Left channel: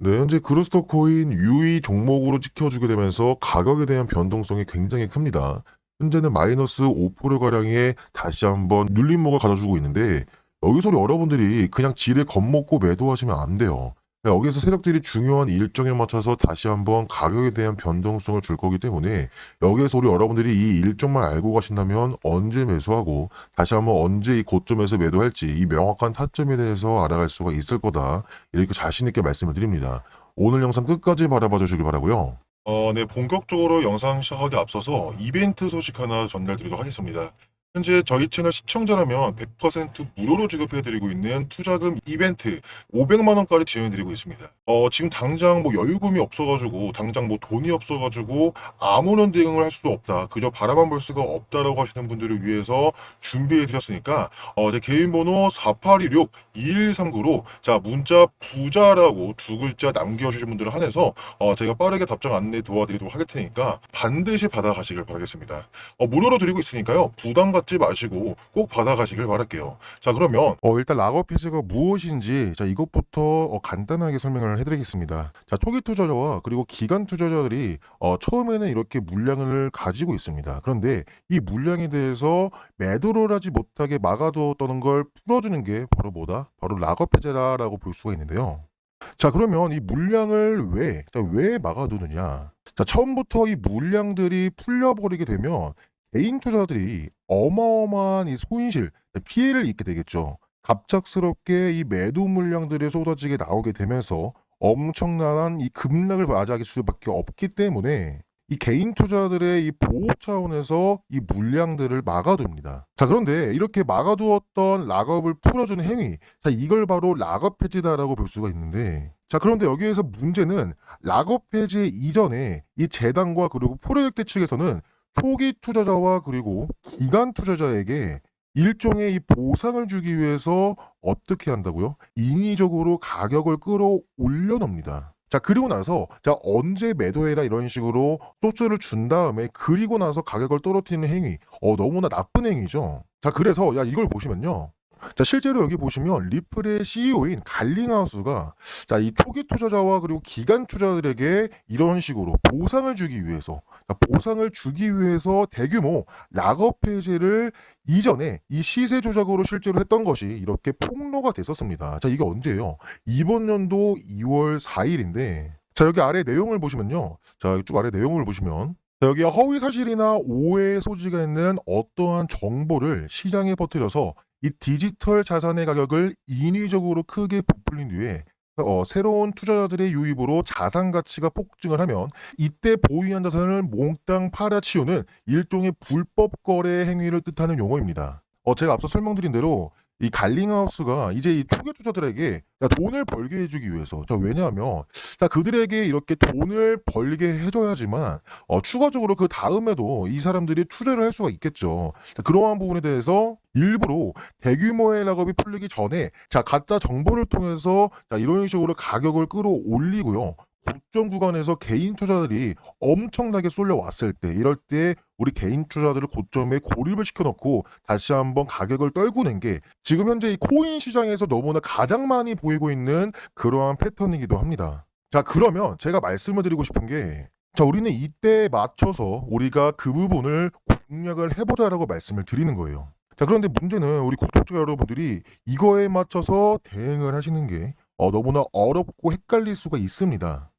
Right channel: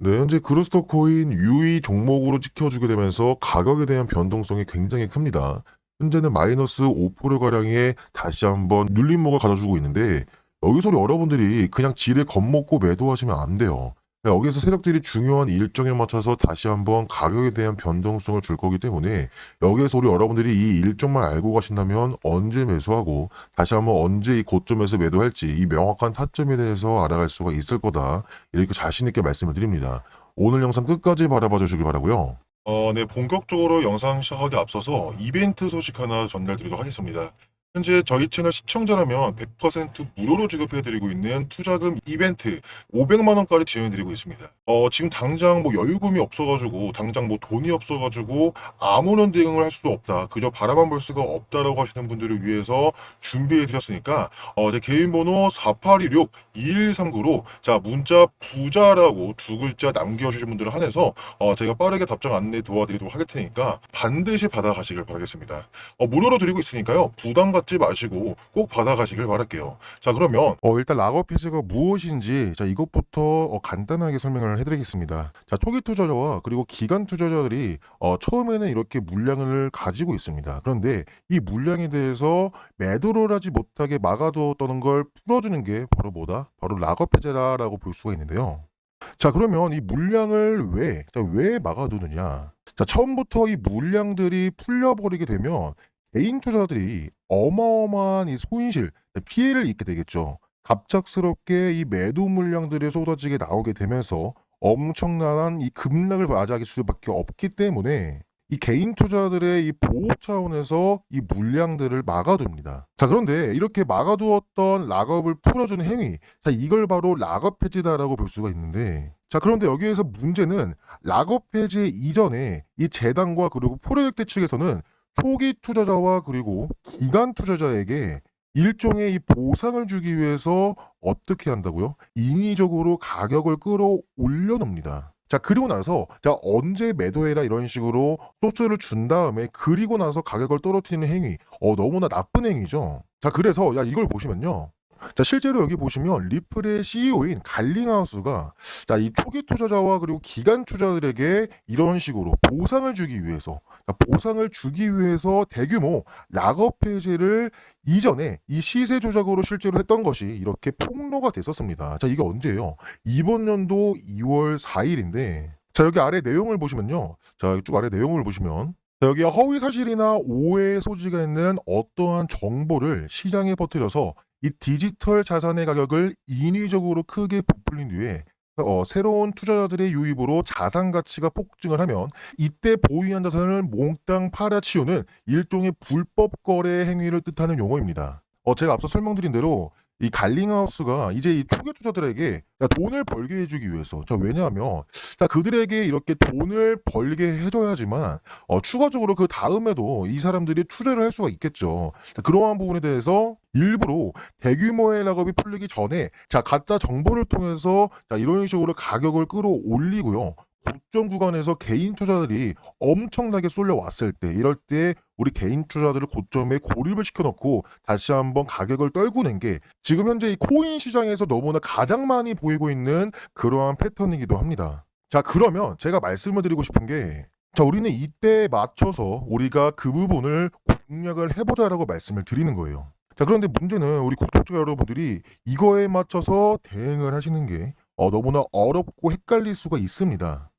네, 현재 그루스터 코인 유의 종목으로 지켜주게 되면서 가격에 대한 변동성이 굉장히 큽니다. 현재는 마이너스 5%가량의 다시 한번 눌림목을 가져주고 있는데 여기서 여러분들이 그냥 지를 겁먹고 매도하시면 안 돼요. 여기서 세력들이 중요한 일정에 맞춰서 다시 한번 가격에 대한 변동성을 줄 거기 때문에 여기에서 우리 여러분들이 이 일정만 알고 가신다면 언제 매수하고 다시 한번 언제 이 고점에서 매도할지 이 명확한 타점에 대해서 알아갈 수가 있을 거다. 이렇게 자신 있게 말씀을 드립니다. 오늘 영상 끝까지 바라봐 주시기 바라고요. 어, 네, 본격적으로 영상 시작하기 앞서서 이벤트 소식 하나 전달드리도록 하겠습니다. 현재 저희 채널 시청자라면 100% 무료로 지급해드리고 있는 투자금 이벤트 500만 원까지 지원해드리고 있습니다. 어, 지금 당장 뭐 여유금이 없어가지고 당장 뭐 돈이 없어가지고 아무런 대응을 할 수도 없다. 그저 바라만 볼 수가 없다라고 하시는 분들을 위해서 준비해드렸으니까 어, 제 개인 번호 4816 2139로 자 문자 부자라고 두 글자 남겨주신 분들을 한해서 어, 제가 빠르게 답장 안내 도와드리도록 할 테니까 반드시 받아가시길 바라겠습니다. 어, 무료로 드리고 있으니까요. 부담 갖지 마시고 꼭 받아가시길 바랄게요. 자 그러면 어, 일단 락업 해지가 무엇인지 자 이것부터 어, 간단하게 설명을 해드리겠습니다. 자 초기 투자자와 그리고 기간 투자자들이 어, 처음에는 이렇게 물량을 가지고 있습니다. 그런데 이 물량에 대해서 매도를 하지 못하게 막아두었다는 걸 풀어주는 게 바로 뭐다? 바로 락업 해제라라고 볼 수가 있는데요. 자 그러면 이 물량을 왜, 자, 왜 막아두느냐? 자 처음부터 이 물량들이 풀려버리게 되면 개인 투자자들이 어마어마한 이 손실, 피해를 입게 되겠죠. 갑작스럽게 이 매도 물량들이 쏟아지게 나오게 되면서 엄청난 이 급락을 맞이할 수밖에 없기 때문에 이 개인 투자들의 이 보호 차원에서 이 물량들을 막아둡니다. 자, 그런데 이렇게 막아두었던 락업을 풀어주는 행위. 자, 이걸 바로 락업 해지다라고 볼 수가 있는데. 자, 그런데 여기에서 문제는 락업 해지 이전에 이 재단과 그리고 프로젝트 측에서는 초기 투자자와 그리고 기간 투자자에게 일종의 이 보상을 주기 위해서 어떻게 한다고요? 인위적으로 가격을 끌어올려 놉니다. 자, 그리고 나서, 자, 언제 매도해라 이런 식으로 소프트를 준 다음에, 그리고 나서 가격을 떨어뜨리는 행위. 어, 너무나 나쁜 행위죠. 자, 그래서, 야, 이걸 보시면요. 자, 실제로 여기 보시면 리플의 CEO인 갈링하우스가 자, 이 초기 투자자와 그리고 기간 투자들에게 이런 식으로 보상을 주기 위해서 자, 보상을 주기 위해서 대규모 락업 해제를 이전에 이 시세 조작으로 실제로 했던 것이 이렇게 폭로가 됐었습니다. 자, 이게 언제예요? 이번 연도 2월 4일인데 자, 여기 아래 내용을 보시면요. 자, 쭉 아래 내용을 보시면 자, 여기 허위 사실이나 오해의 소지가 있는 어떠한 정보를 시장에 퍼뜨려서 이 디지털 자산의 가격을 인위적으로 크게 부풀린 뒤에 어, 새로운 투자자들의 유입으로 자산 가치가 폭증을 하면 이때 보유한 자산을 몽땅 팔아치우는 일종의 불법 거래 행위를 뜻하는 용어입니다. 어, 제가 앞서 설명드린 대로 이 갈링하우스가 이제 이 초기 투자들에게 자, 돈을 벌게 해주기 위해서 자 왜냐하면 자 그들에게 이렇게 돈을 벌게 해줘야지만 어, 추가적으로 그 다음에도 이 사람들이 투자를 할 수가 있겠죠. 자, 그러한 부분에 대해서 일부러 대규모의 락업이 풀리기 전에 자 가짜 정보를 통해서 자 이런 식으로 가격을 끌어올리고요. 고점 구간에서 개인 투자들이 엄청나게 쏠려왔을 때 이럴 때 우리 개인 투자들을 고점에 고립을 시켜놓고 다시 한번 가격을 떨구는 게 지금 현재 이 코인 시장에서 너무나 가장 많이 보이고 있는 그러한 패턴이기도 합니다. 자 그러면 제가 말씀을 드리고 싶은 게 자, 우리는 이때 맞춰서 우리가 그 부분을 공략을 해보자라고 말씀을 드리는 거예요. 자, 그런데 문제는 우리 구독자 여러분들이 이거에 맞춰서 대응을 하시는 게 어, 너무나 어렵고 헷갈릴 수가 있습니다.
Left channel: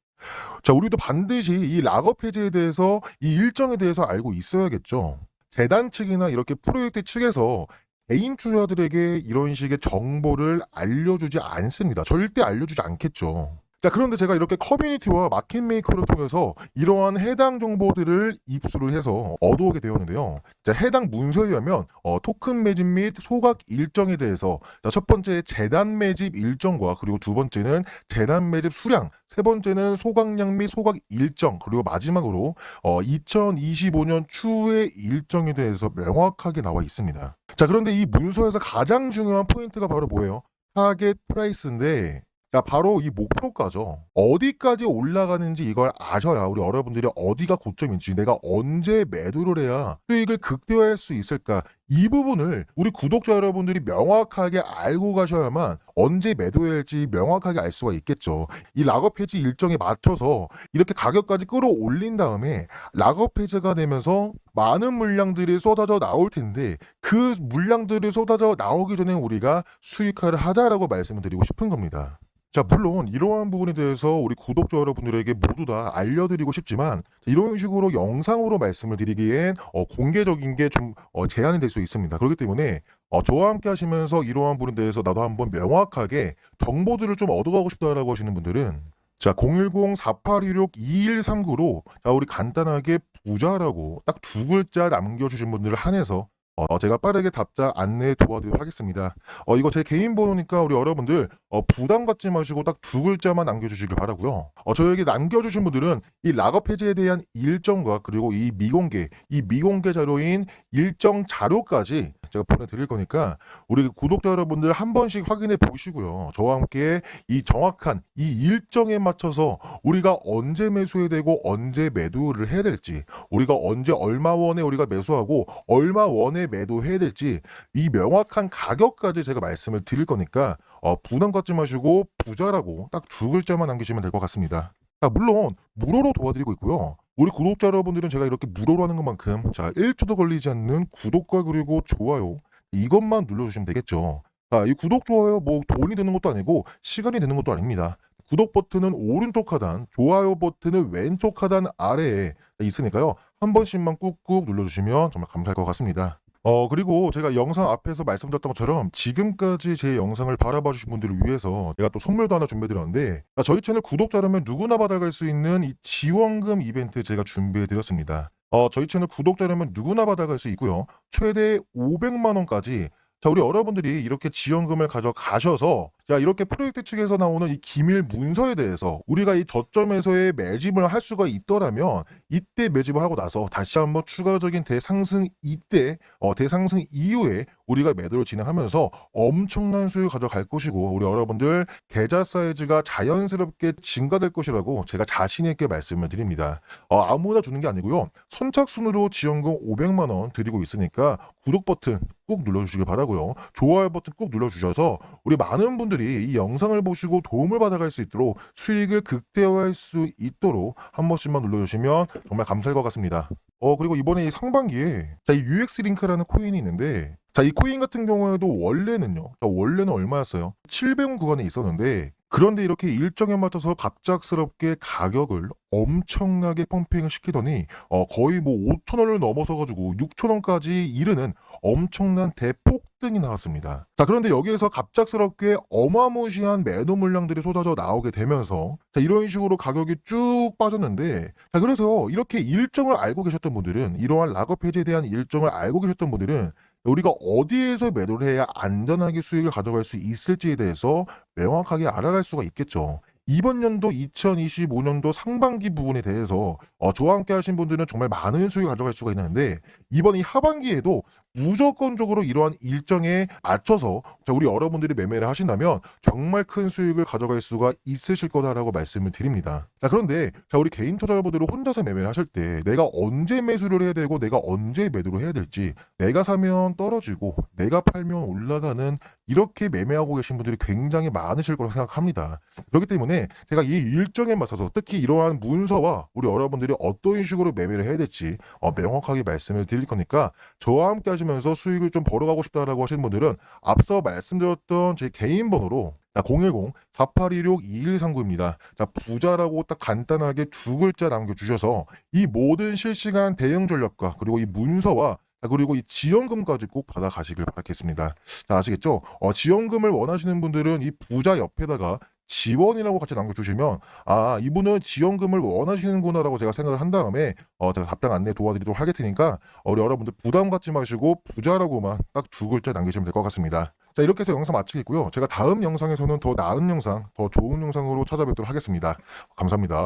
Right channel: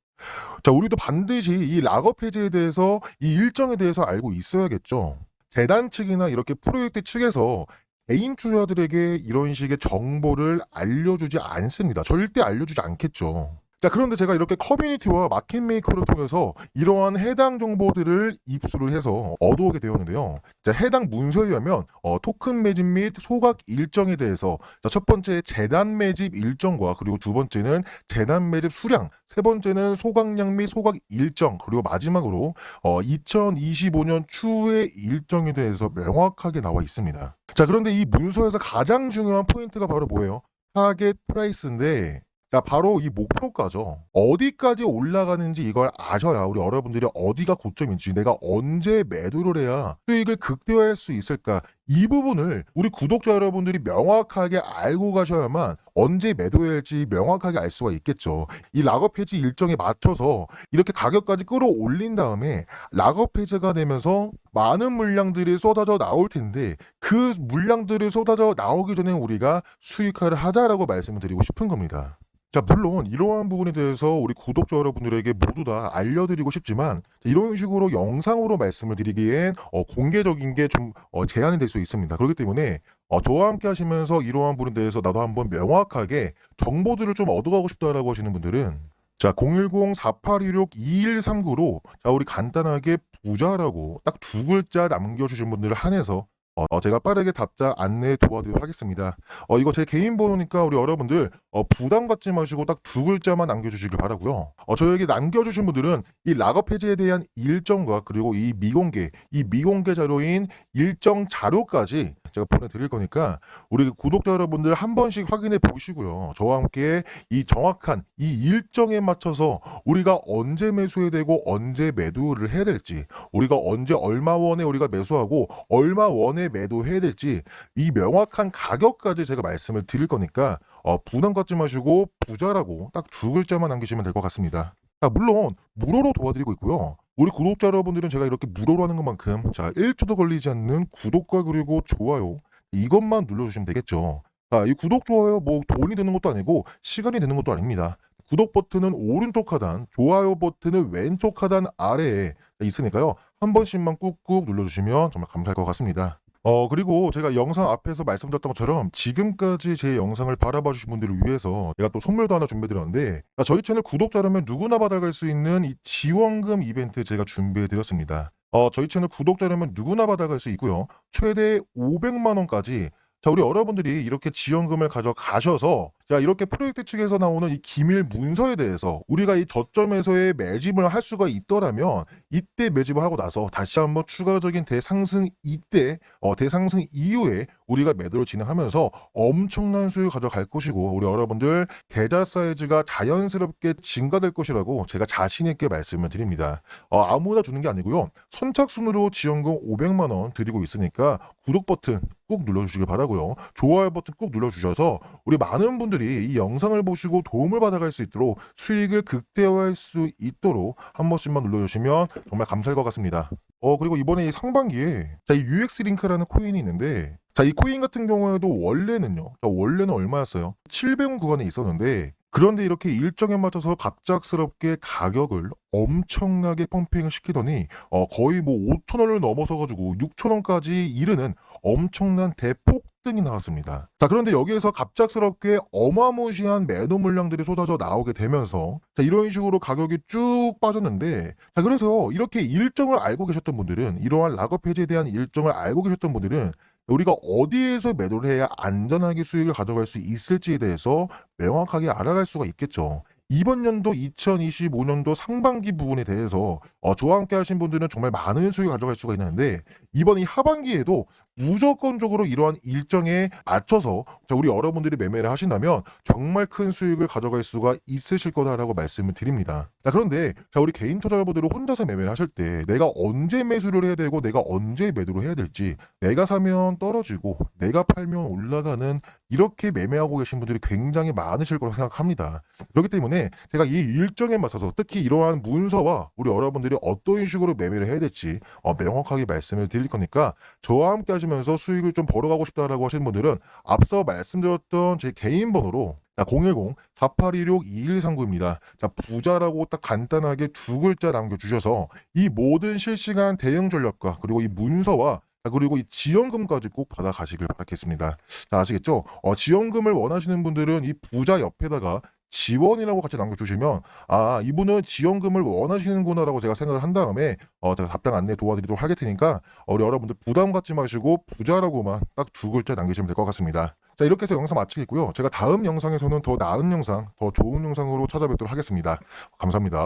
자, 우리도 반드시 이 락업 해제에 대해서 이 일정에 대해서 알고 있어야겠죠. 재단 측이나 이렇게 프로젝트 측에서 개인 투자들에게 이런 식의 정보를 알려주지 않습니다. 절대 알려주지 않겠죠. 자, 그런데 제가 이렇게 커뮤니티와 마켓메이커를 통해서 이러한 해당 정보들을 입수를 해서 얻어오게 되었는데요. 자, 해당 문서에 의하면 어, 토큰 매집 및 소각 일정에 대해서 자, 첫 번째 재단 매집 일정과 그리고 두 번째는 재단 매집 수량, 세 번째는 소각량 및 소각 일정, 그리고 마지막으로 어, 2025년 추후의 일정에 대해서 명확하게 나와 있습니다. 자, 그런데 이 문서에서 가장 중요한 포인트가 바로 뭐예요? 타겟 프라이스인데 자, 바로 이 목표가죠. 어디까지 올라가는지 이걸 아셔야 우리 여러분들이 어디가 고점인지 내가 언제 매도를 해야 수익을 극대화할 수 있을까 이 부분을 우리 구독자 여러분들이 명확하게 알고 가셔야만 언제 매도해야 할지 명확하게 알 수가 있겠죠. 이 락업 해지 일정에 맞춰서 이렇게 가격까지 끌어올린 다음에 락업 해제가 되면서 많은 물량들이 쏟아져 나올 텐데 그 물량들이 쏟아져 나오기 전에 우리가 수익화를 하자라고 말씀을 드리고 싶은 겁니다. 자, 물론 이러한 부분에 대해서 우리 구독자 여러분들에게 모두 다 알려드리고 싶지만 이런 식으로 영상으로 말씀을 드리기엔 어, 공개적인 게좀 제한이 될 수 있습니다. 그렇기 때문에 어, 저와 함께 하시면서 이러한 부분에 대해서 나도 한번 명확하게 정보들을 좀 얻어가고 싶다라고 하시는 분들은 자, 010-4816-2139로 자, 우리 간단하게 부자라고 딱 두 글자 남겨주신 분들을 한해서 어, 제가 빠르게 답장 안내 도와드리도록 하겠습니다. 어, 이거 제 개인 번호니까 우리 여러분들 어, 부담 갖지 마시고 딱 두 글자만 남겨주시길 바라고요. 어, 저에게 남겨주신 분들은 이 락업 해제에 대한 일정과 그리고 이 미공개, 이 미공개 자료인 일정 자료까지 제가 보내드릴 거니까 우리 구독자 여러분들 한 번씩 확인해 보시고요. 저와 함께 이 정확한 이 일정에 맞춰서 우리가 언제 매수해야 되고 언제 매도를 해야 될지 우리가 언제 얼마 원에 우리가 매수하고 얼마 원에 매도해야 될지 이 명확한 가격까지 제가 말씀을 드릴 거니까 어, 부담 갖지 마시고 부자라고 딱 두 글자만 남기시면 될 것 같습니다. 아, 물론 무료로 도와드리고 있고요. 우리 구독자 여러분들은 제가 이렇게 무료로 하는 것만큼 자 1초도 걸리지 않는 구독과 그리고 좋아요 이것만 눌러주시면 되겠죠. 자, 이 구독 좋아요 뭐 돈이 드는 것도 아니고 시간이 드는 것도 아닙니다. 구독 버튼은 오른쪽 하단, 좋아요 버튼은 왼쪽 하단 아래에 있으니까요. 한 번씩만 꾹꾹 눌러주시면 정말 감사할 것 같습니다. 어, 그리고 제가 영상 앞에서 말씀드렸던 것처럼 지금까지 제 영상을 바라봐 주신 분들을 위해서 제가 또 선물도 하나 준비해드렸는데 아, 저희 채널 구독자라면 누구나 받아갈 수 있는 이 지원금 이벤트 제가 준비해드렸습니다. 어, 저희 채널 구독자라면 누구나 받아갈 수 있고요. 최대 500만 원까지 자, 우리 여러분들이 이렇게 지원금을 가져가셔서 자, 이렇게 프로젝트 측에서 나오는 이 기밀 문서에 대해서 우리가 이 저점에서의 매집을 할 수가 있더라면 이때 매집을 하고 나서 다시 한번 추가적인 대상승 이때 어, 대상승 이후에 우리가 매도를 진행하면서 엄청난 수익을 가져갈 것이고 우리 여러분들 계좌 사이즈가 자연스럽게 증가될 것이라고 제가 자신 있게 말씀을 드립니다. 어, 아무나 주는 게 아니고요. 선착순으로 지원금 500만 원 드리고 있으니까 구독 버튼 꾹 눌러주시기 바라고요. 좋아요 버튼 꾹 눌러주셔서 우리 많은 분들이 이 영상을 보시고 도움을 받아갈 수 있도록 수익을 극대화할 수 있도록 한 번씩만 눌러주시면 정말 감사할 것 같습니다. 어 그리고 이번에 이 상반기에 자, 이 UX 링크라는 코인이 있는데 자, 이 코인 같은 경우에도 원래는요. 자, 원래는 얼마였어요? 700원 구간에 있었는데 그런데 이렇게 일정에 맞춰서 갑작스럽게 가격을 엄청나게 펌핑을 시키더니 어, 거의 뭐 5천 원을 넘어서 가지고 6천 원까지 이르는 엄청난 대폭등이 나왔습니다. 자 그런데 여기에서 갑작스럽게 어마무시한 매도 물량들이 쏟아져 나오게 되면서 자, 이런 식으로 가격이 쭉 빠졌는데 자 그래서 이렇게 일정을 알고 계셨던 분들은 이러한 락업 해지에 대한 일정을 알고 계셨던 분들은 우리가 어디에서 매도를 해야 안전하게 수익을 가져갈 수 있을지에 대해서 명확하게 알아갈 수가 있겠죠. 이번 연도 2025년도 상반기 부분에 대해서 어, 저와 함께 하신 분들은 정말 많은 수익을 가져갈 수가 있는데 이번 이 하반기에도 무조건적으로 이러한 일정에 맞춰서 자, 우리 여러분들이 매매를 하신다면 정말 큰 수익을 가져갈 수가 있으실 거다라고 말씀을 드립니다. 자 그런데 자 우리 개인 투자자분들은 혼자서 매매를 하실 때 내가 언제 매수를 해야 되고 내가 언제 매도를 해야 될지 내가 사면 떨어지고 내가 팔면 올라가는 이렇게 매매하고 계신 분들이 굉장히 많으실 거라고 생각합니다. 그렇기 때문에 제가 이 일정에 맞춰서 특히 이러한 문서와 우리 여러분들이 어떤 식으로 매매를 해야 될지 어, 명확하게 말씀을 드릴 거니까 저와 함께 하시면서 수익을 좀 벌어가고 싶다라고 하시는 분들은 앞서 말씀드렸던 제 개인 번호로 010-4816-2139입니다. 자, 부자라고 딱 간단하게 두 글자 남겨주셔서 이 모든 실시간 대응 전략과 그리고 이 문서와 자, 그리고 이 지원금까지 꼭 받아가시길 바라겠습니다. 자, 아시겠죠? 어, 지원금을 원하시는 분들은 이 부자 옆에다가 지원이라고 같이 남겨주시면 아 이분은 지원금을 원하시는구나라고 제가 생각을 한 다음에 어, 제가 답변 안내 도와드리도록 하겠 테니까 어, 여러분들 부담 갖지 마시고 부자라고만 딱 두 글자 남기시면 될 것 같습니다. 자 이렇게 해서 영상 마치겠고요. 제가 다음 영상에서는 더 나은 영상, 더 좋은 영상으로 찾아뵙도록 하겠습니다. 감사합니다.